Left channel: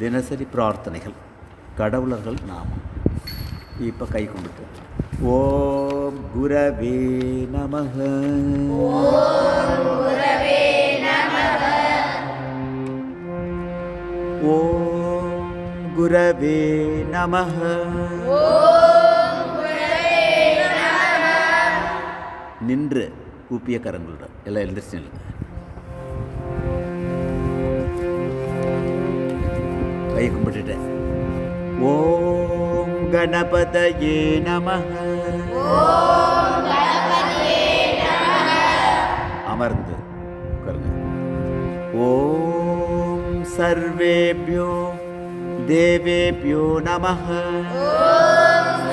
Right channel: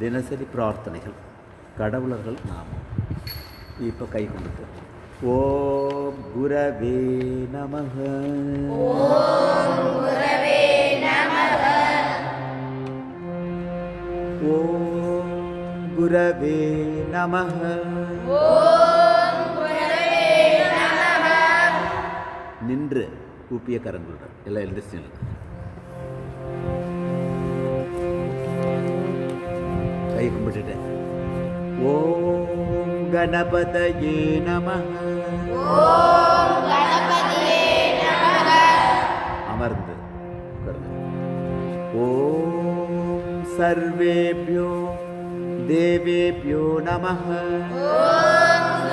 தினசரி பிரார்த்தனைகள், கடவுளர்கள் நாமம். இப்போ கை கொண்டுட்டோம். ஓம் குரவே நமஹ. ஓம் குரவே நமஹ. ஓம் குரவே நமஹ. ஓம் குரவே நமஹ. நின்று கூப்பிய கரங்களுடன் எல்லாம் எழுந்திரிச்சு கை கும்பிட்டுட்டேன். ஓம் கணபதயே நமஹ. ஓம் கணபதியே நமஹ. அமர்ந்து உட்காருங்க. ஓம் சர்வேப்யோ தேவேப்யோ நமஹ. ஓம்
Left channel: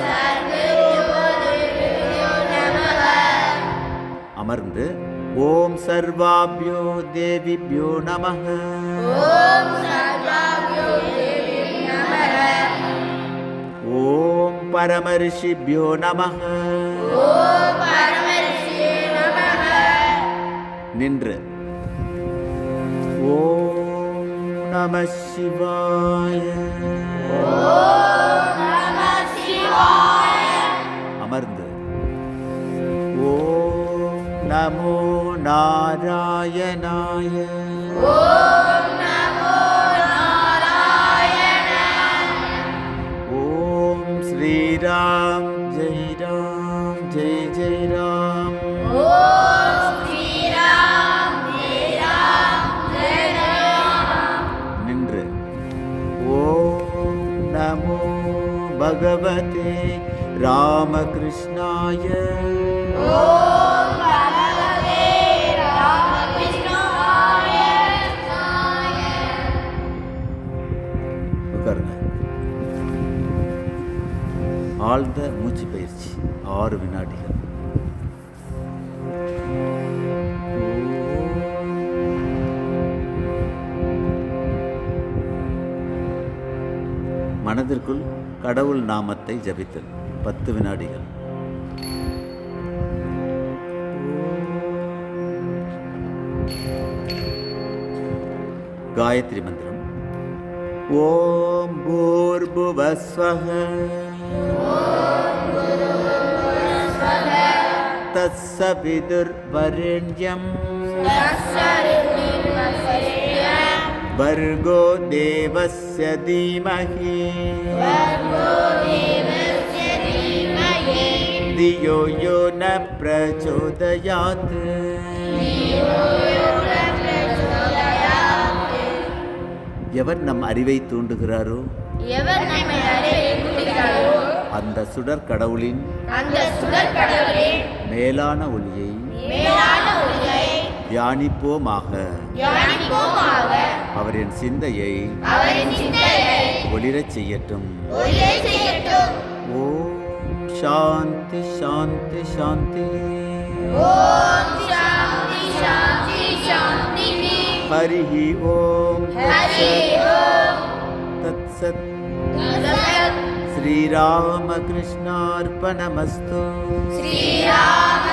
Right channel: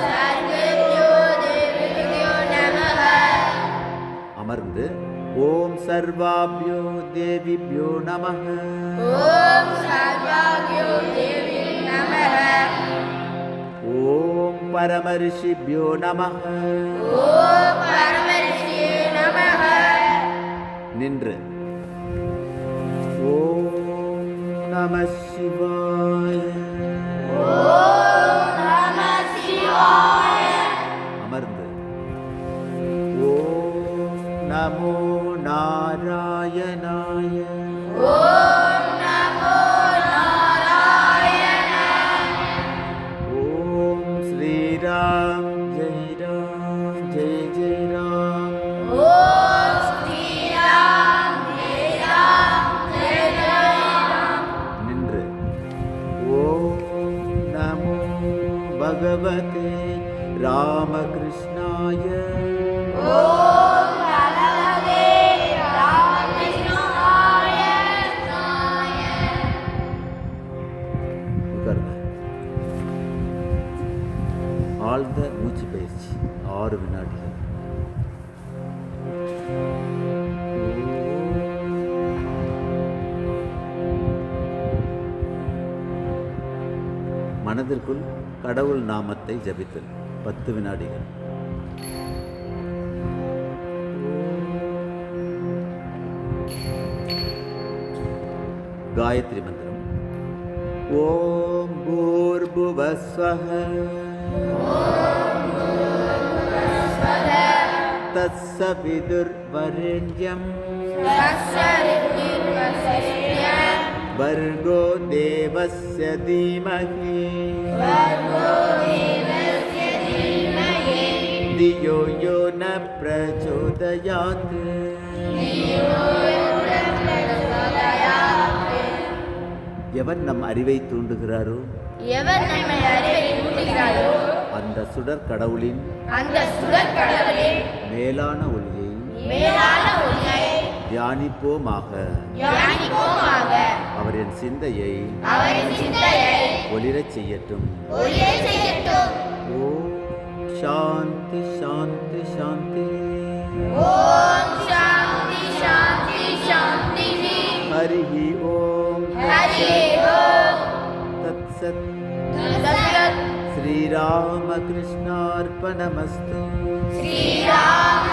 சர்வேப்யோ தேவேப்யோ நமஹ. அமர்ந்து ஓம் சர்வாப்யோ தேவிப்யோ நமஹ. ஓம் சர்வாப்யோ தேவிப்யோ நமஹ. ஓம் பரமரிஷிப்யோ நமஹ. ஓம் பரமரிஷியே நமஹ. நின்று ஓம் நம சிவாய. ஓம் நமः சிவாய. அமர்ந்து ஓம் நமோ நாராயணாய. ஓம் நமோ நாராயணாய. ஓம் ஸ்ரீராம் ஜெய் ராம் ஜெய் ஜெய் ராம். ஓம் ஸ்ரீராம் ஜெய ராம் ஜெய ராம். நின்று ஓம் நமோ பகவதே ராமகிருஷ்ணாய. ஓம் பகவதே ராமகிருஷ்ணாய. உட்காருங்க. ஆழ்ந்த மூச்சு பயிற்சி 6 வினாடிகள். மனதிற்குள் கடவுள் நாமத்தை ஜபித்தல் 10 வினாடிகள். காயத்ரி மந்திரம். ஓம் பூர்புவஸ்வஹ தத்சவிதுர்வரெண்யம் भर्गो देवस्य धीमहि धियो यो न प्रचोदयात्. எவர் நம் அறிவை தூண்டுகிறாரோ, எவர் நம்மை அறிவை தூண்டுகிறாரோ, அந்த சுடர் கடவுளின் அந்த சுடர் கடவுளின் மேலான ஒளியை மேலான ஒளியை தியானிப்போமாக. தியானிப்போமாக. அவரின் சிந்தையை அவரின் சிந்தையை ஒளிரச் செய்யட்டும். ஒளிரச் செய்யட்டும். ஓம் சாந்தி சாந்தி சாந்தி. ஓம் சாந்தி சாந்தி சாந்தி. ஹரிஹி ஓம் ஹரி ஓம். தத்சத். தத்சத். ஸ்ரீராமகிருஷ்ணார்ப்பணமஸ்து. ஸ்ரீராம